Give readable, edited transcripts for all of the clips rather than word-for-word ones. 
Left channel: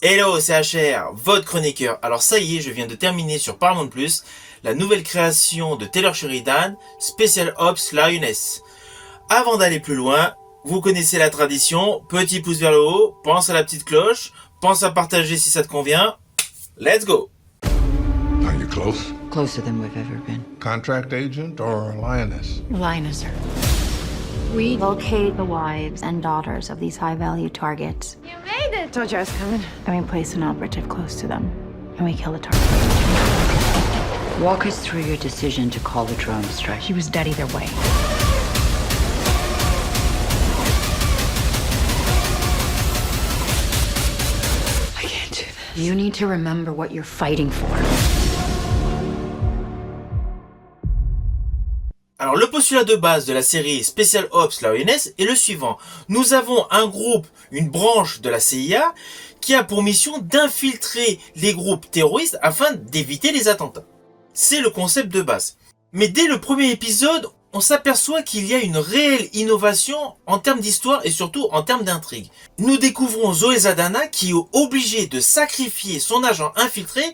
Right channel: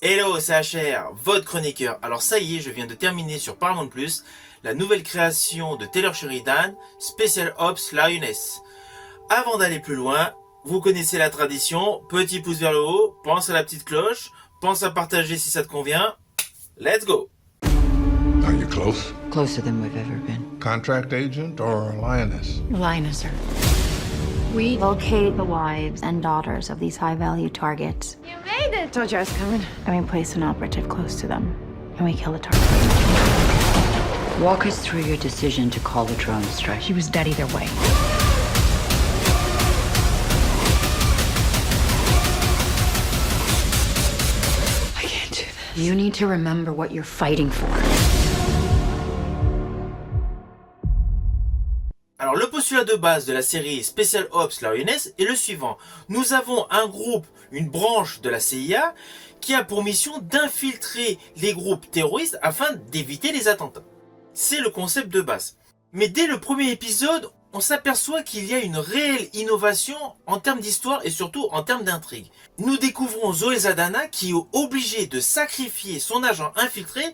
Hello, c'est HR, votre chroniqueur. Alors ça y est, je viens de terminer sur Paramount+, la nouvelle création de Taylor Sheridan, Special Ops Lioness. Avant d'aller plus loin, vous connaissez la tradition, petit pouce vers le haut, pense à la petite cloche, pense à partager si ça te convient. Let's go! Are you close? Closer than we've ever been. Contract agent or a lioness? Lioness, sir. We locate the wives and daughters of these high-value targets. You made it! Told you I was coming. And we place an operative close to them. And we kill the target. Walk us through your decision to call the drone strike. She was dead either way. I can't do this. You need to remember what you're fighting for. Alors le postulat de base de la série Special Ops Lioness est le suivant. Nous avons un groupe, une branche de la CIA, qui a pour mission d'infiltrer les groupes terroristes afin d'éviter les attentats. C'est le concept de base. Mais dès le premier épisode, on s'aperçoit qu'il y a une réelle innovation en termes d'histoire et surtout en termes d'intrigue. Nous découvrons Zoé Saldana qui est obligée de sacrifier son agent infiltré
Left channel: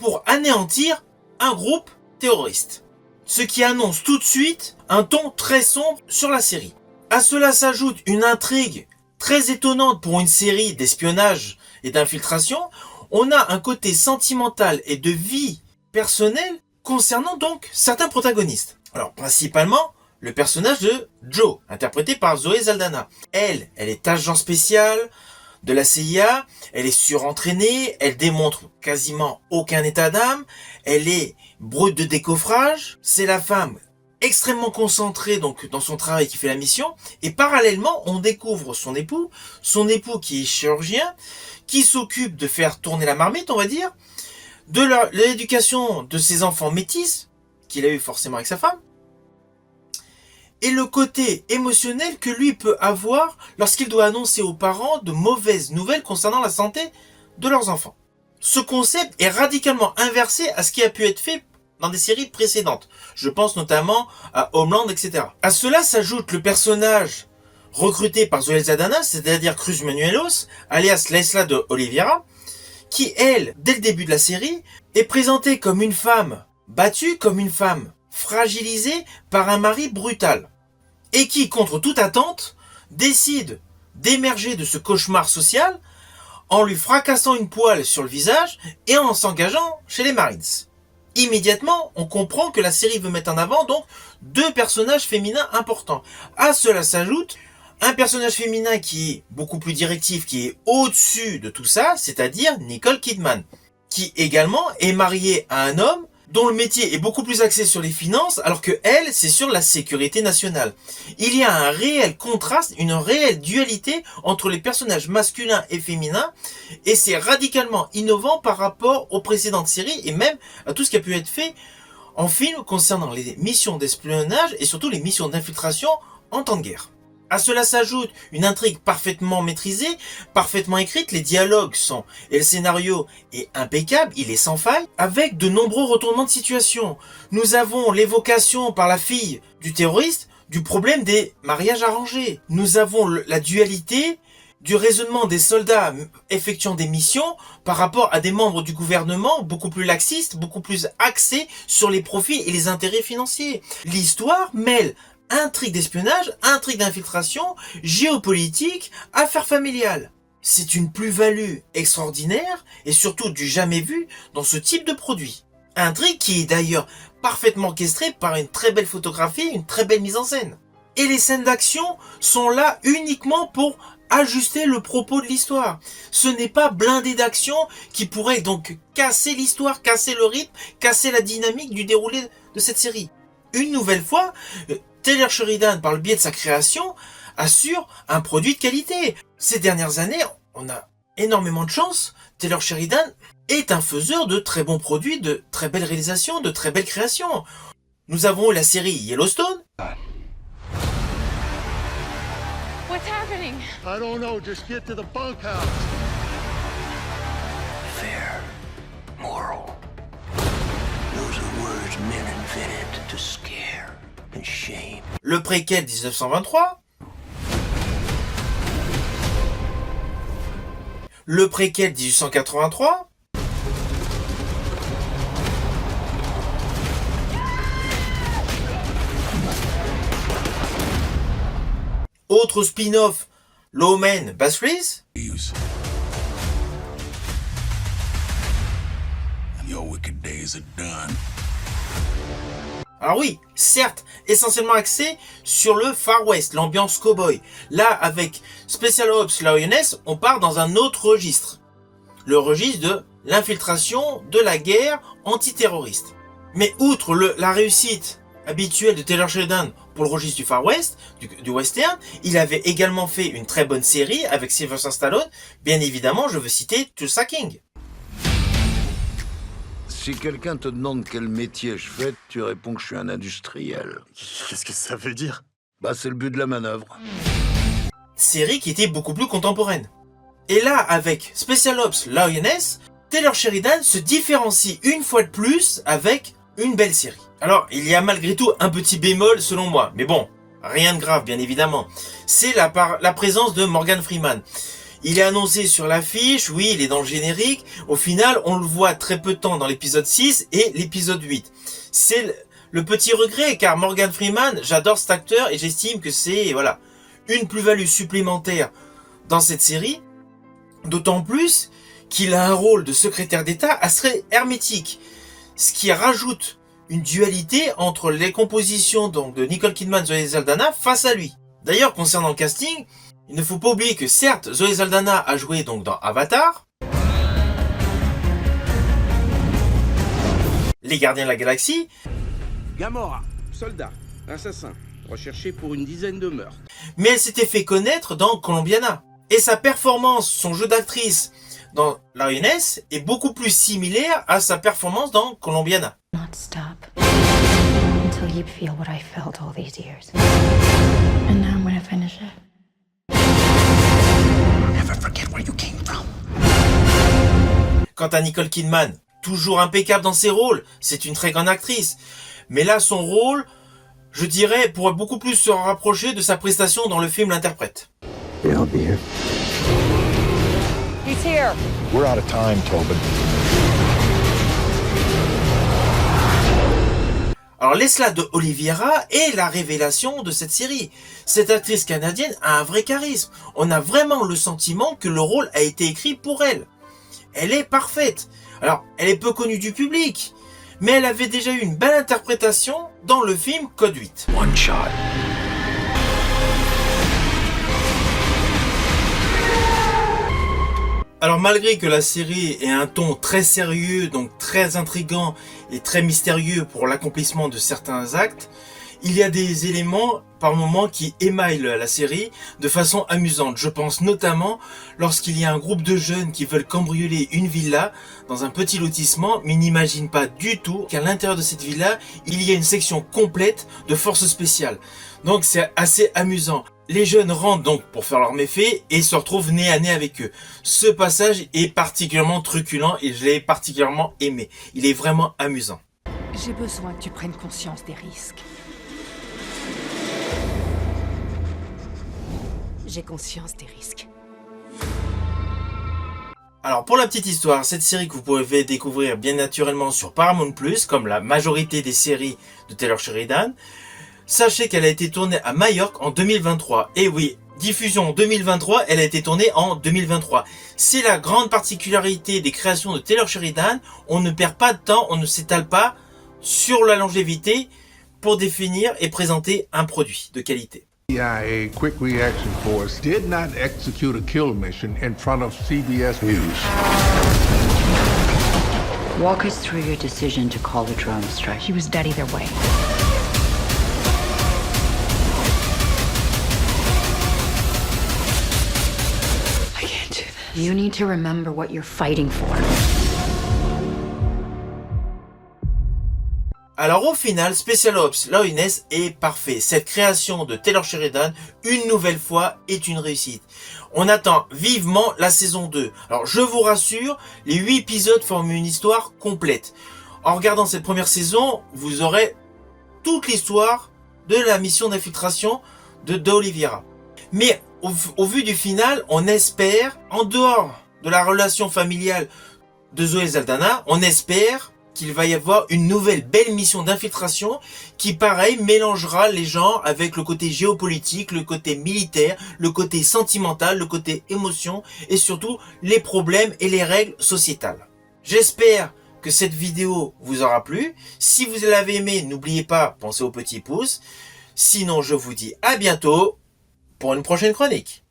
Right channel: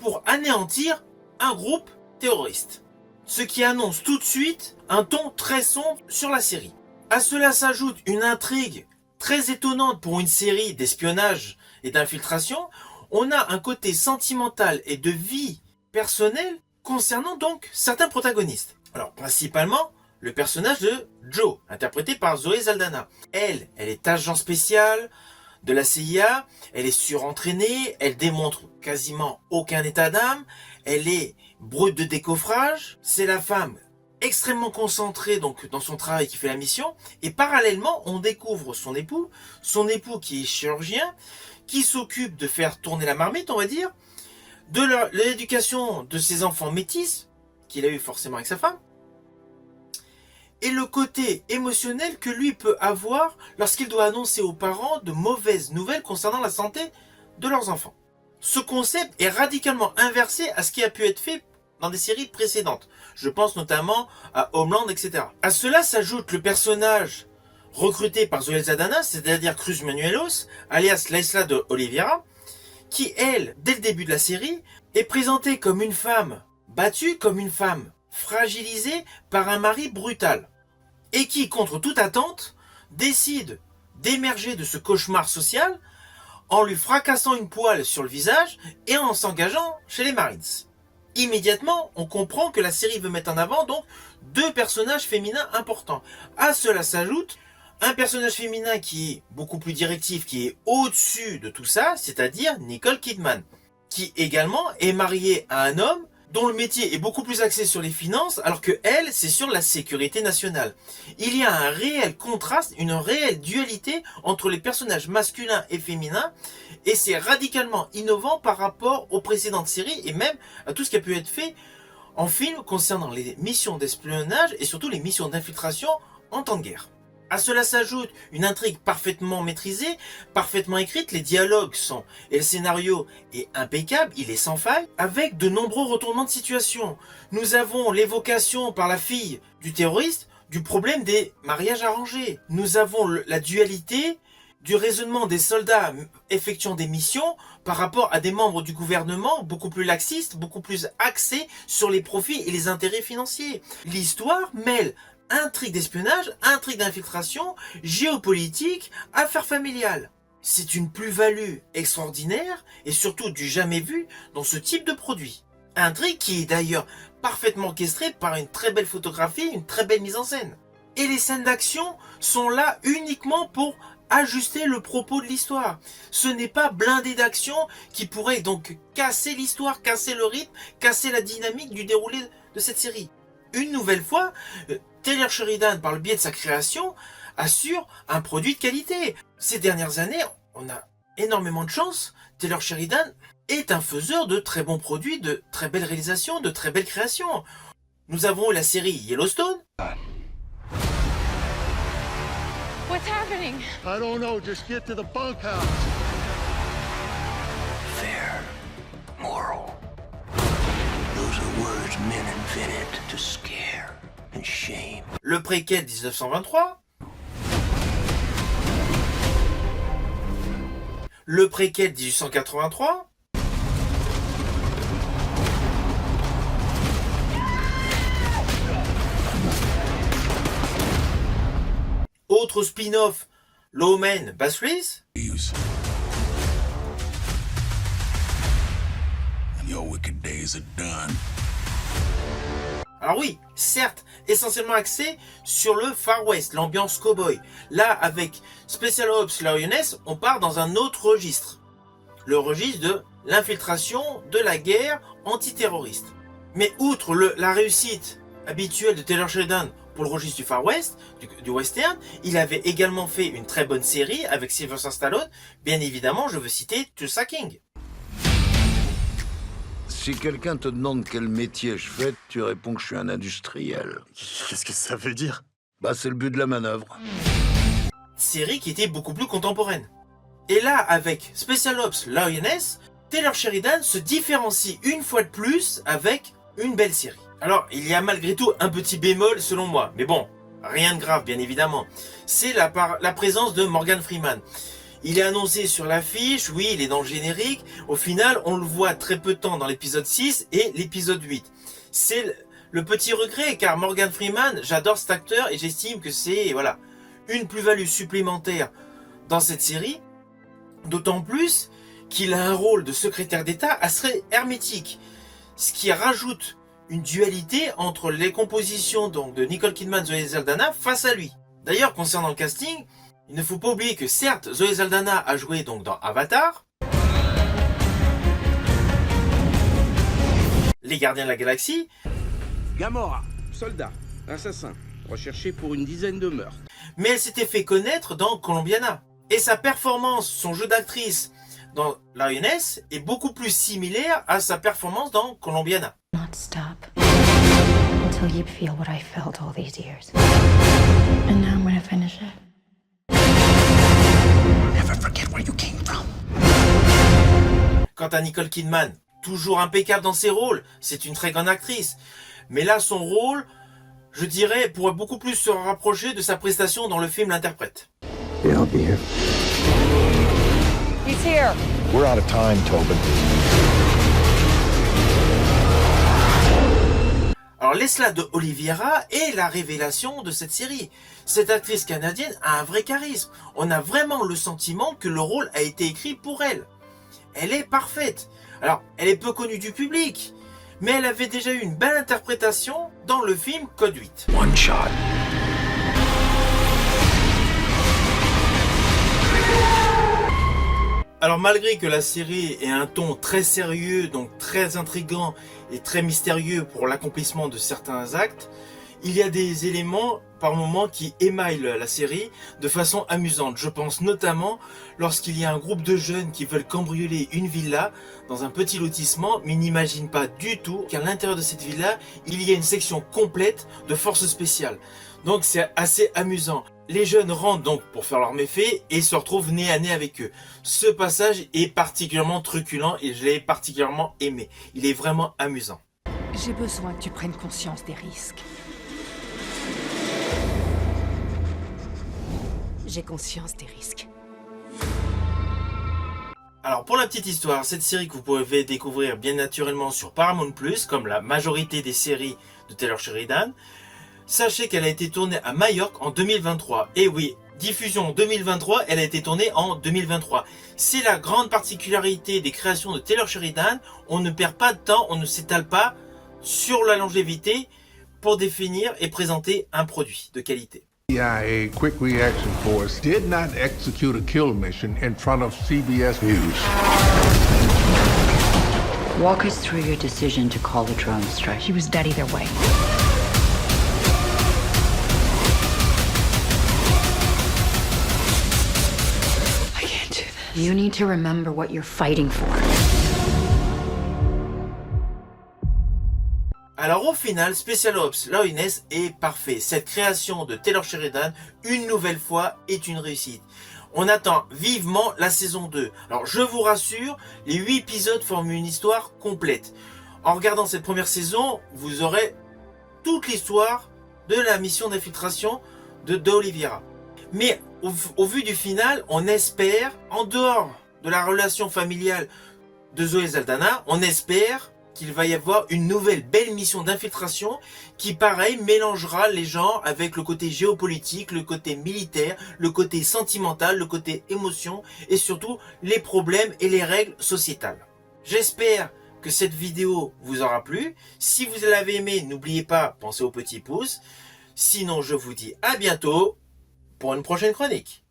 pour anéantir un groupe terroriste. Ce qui annonce tout de suite un ton très sombre sur la série. À cela s'ajoute une intrigue très étonnante pour une série d'espionnage et d'infiltration. On a un côté sentimental et de vie personnelle concernant donc certains protagonistes. Alors principalement le personnage de Joe, interprété par Zoé Saldana. Elle est agent spécial de la CIA, elle est surentraînée, elle démontre quasiment aucun état d'âme, elle est brute de décoffrage, c'est la femme extrêmement concentrée donc dans son travail qui fait la mission, et parallèlement on découvre son époux qui est chirurgien, qui s'occupe de faire tourner la marmite on va dire, de l'éducation de ses enfants métis, qu'il a eu forcément avec sa femme, et le côté émotionnel que lui peut avoir lorsqu'il doit annoncer aux parents de mauvaises nouvelles concernant la santé de leurs enfants. Ce concept est radicalement inversé à ce qui a pu être fait dans des séries précédentes. Je pense notamment à Homeland, etc. À cela s'ajoute le personnage recruté par Zoé Saldana, c'est-à-dire Cruz Manuelos, alias Laisla de Oliveira, qui, elle, dès le début de la série, est présentée comme une femme battue, comme une femme fragilisée par un mari brutal, et qui, contre toute attente, décide d'émerger de ce cauchemar social en lui fracassant une poêle sur le visage et en s'engageant chez les Marines. Immédiatement, on comprend que la série veut mettre en avant donc deux personnages féminins importants. À cela s'ajoute un personnage féminin qui est beaucoup plus directif, qui est au-dessus de tout ça, c'est-à-dire Nicole Kidman, qui également est mariée à un homme dont le métier est beaucoup plus axé sur les finances, alors que elle, c'est sur la sécurité nationale. Il y a un réel contraste, une réelle dualité entre les personnages masculins et féminins, et c'est radicalement innovant par rapport aux précédentes séries, et même à tout ce qui a pu être fait en film concernant les missions d'espionnage, et surtout les missions d'infiltration en temps de guerre. À cela s'ajoute une intrigue parfaitement maîtrisée, parfaitement écrite, les dialogues sont, et le scénario est impeccable, il est sans faille, avec de nombreux retournements de situation. Nous avons l'évocation par la fille du terroriste du problème des mariages arrangés. Nous avons la dualité du raisonnement des soldats effectuant des missions par rapport à des membres du gouvernement beaucoup plus laxistes, beaucoup plus axés sur les profits et les intérêts financiers. L'histoire mêle intrigue d'espionnage, intrigue d'infiltration, géopolitique, affaires familiales. C'est une plus-value extraordinaire et surtout du jamais vu dans ce type de produit. Intrigue qui est d'ailleurs parfaitement orchestrée par une très belle photographie, une très belle mise en scène. Et les scènes d'action sont là uniquement pour ajuster le propos de l'histoire. Ce n'est pas blindé d'action qui pourrait donc casser l'histoire, casser le rythme, casser la dynamique du déroulé de cette série. Une nouvelle fois, Taylor Sheridan, par le biais de sa création, assure un produit de qualité. Ces dernières années, on a énormément de chance. Taylor Sheridan est un faiseur de très bons produits, de très belles réalisations, de très belles créations. Nous avons la série Yellowstone. What's happening? I don't know, just get to the bunkhouse. Fair, moral. Those are words men invented to scare and shame. Le préquel 1923. le préquel 1883. Autre spin-off, Lawman Bass Your wicked days are done. Alors oui, certes, essentiellement axé sur le Far West, l'ambiance cowboy. Là, avec Special Ops Lioness, on part dans un autre registre. Le registre de l'infiltration de la guerre antiterroriste. Mais outre la réussite habituelle de Taylor Sheridan pour le registre du Far West, du western, il avait également fait une très bonne série avec Sylvester Stallone. Bien évidemment, je veux citer Tulsa King. Si quelqu'un te demande quel métier je fais, tu réponds que je suis un industriel. Qu'est-ce que ça veut dire? Bah, c'est le but de la manœuvre. Série qui était beaucoup plus contemporaine. Et là, avec Special Ops Lioness, Taylor Sheridan se différencie une fois de plus avec une belle série. Alors, il y a malgré tout un petit bémol selon moi, mais bon, rien de grave bien évidemment. C'est la présence de Morgan Freeman. Il est annoncé sur l'affiche, oui, il est dans le générique. Au final, on le voit très peu de temps dans l'épisode 6 et l'épisode 8. C'est le petit regret, car Morgan Freeman, j'adore cet acteur et j'estime que c'est voilà une plus-value supplémentaire dans cette série. D'autant plus qu'il a un rôle de secrétaire d'État assez hermétique. Ce qui rajoute une dualité entre les compositions donc, de Nicole Kidman et Zoe Saldana face à lui. D'ailleurs, concernant le casting, il ne faut pas oublier que certes, Zoe Saldana a joué donc dans Avatar, Les Gardiens de la Galaxie, Gamora, soldat, assassin, recherché pour une dizaine de meurtres. mais elle s'était fait connaître dans Colombiana. Et sa performance, son jeu d'actrice dans Lioness est beaucoup plus similaire à sa performance dans Colombiana. Not stop until you feel what I felt all these years. And now I'm gonna finish it. Never forget where you came from. Quant à Nicole Kidman, toujours impeccable dans ses rôles, c'est une très grande actrice. Mais là, son rôle, je dirais, pourrait beaucoup plus se rapprocher de sa prestation dans le film L'Interprète. Yeah, I'll be here. He's here. We're out of time, Tobin. Alors Lesla de Oliveira est la révélation de cette série. Cette actrice canadienne a un vrai charisme. On a vraiment le sentiment que le rôle a été écrit pour elle. Elle est parfaite. Alors, elle est peu connue du public, mais elle avait déjà eu une belle interprétation dans le film Code 8. One shot. Alors malgré que la série ait un ton très sérieux, donc très intriguant et très mystérieux pour l'accomplissement de certains actes, il y a des éléments par moments qui émaillent la série de façon amusante. Je pense notamment lorsqu'il y a un groupe de jeunes qui veulent cambrioler une villa dans un petit lotissement, mais n'imaginent pas du tout qu'à l'intérieur de cette villa, il y a une section complète de forces spéciales. Donc c'est assez amusant. Les jeunes rentrent donc pour faire leurs méfaits et se retrouvent nez à nez avec eux. Ce passage est particulièrement truculent et je l'ai particulièrement aimé. Il est vraiment amusant. J'ai besoin que tu prennes conscience des risques. J'ai conscience des risques. Alors pour la petite histoire, cette série que vous pouvez découvrir bien naturellement sur Paramount+, comme la majorité des séries de Taylor Sheridan, sachez qu'elle a été tournée à Majorque en 2023. Et oui, diffusion en 2023, elle a été tournée en 2023. C'est la grande particularité des créations de Taylor Sheridan. On ne perd pas de temps, on ne s'étale pas sur la longévité pour définir et présenter un produit de qualité. CIA Quick Reaction Force did not execute a kill mission in front of CBS News. Walk us through your decision to call a drone strike. She was dead either way. I can't do this. You need to remember what you're fighting for. Alors au final, Special Ops Lioness est parfait. Cette création de Taylor Sheridan, une nouvelle fois, est une réussite. On attend vivement la saison 2. Alors je vous rassure, les 8 épisodes forment une histoire complète. En regardant cette première saison, vous aurez toute l'histoire de la mission d'infiltration de Oliveira. Mais au vu du final, on espère, en dehors de la relation familiale de Zoé Saldana, on espère qu'il va y avoir une nouvelle belle mission d'infiltration qui, pareil, mélangera les genres avec le côté géopolitique, le côté militaire, le côté sentimental, le côté émotion et surtout les problèmes et les règles sociétales. J'espère que cette vidéo vous aura plu. Si vous l'avez aimé, n'oubliez pas, pensez au petit pouce. Sinon, je vous dis à bientôt pour une prochaine chronique.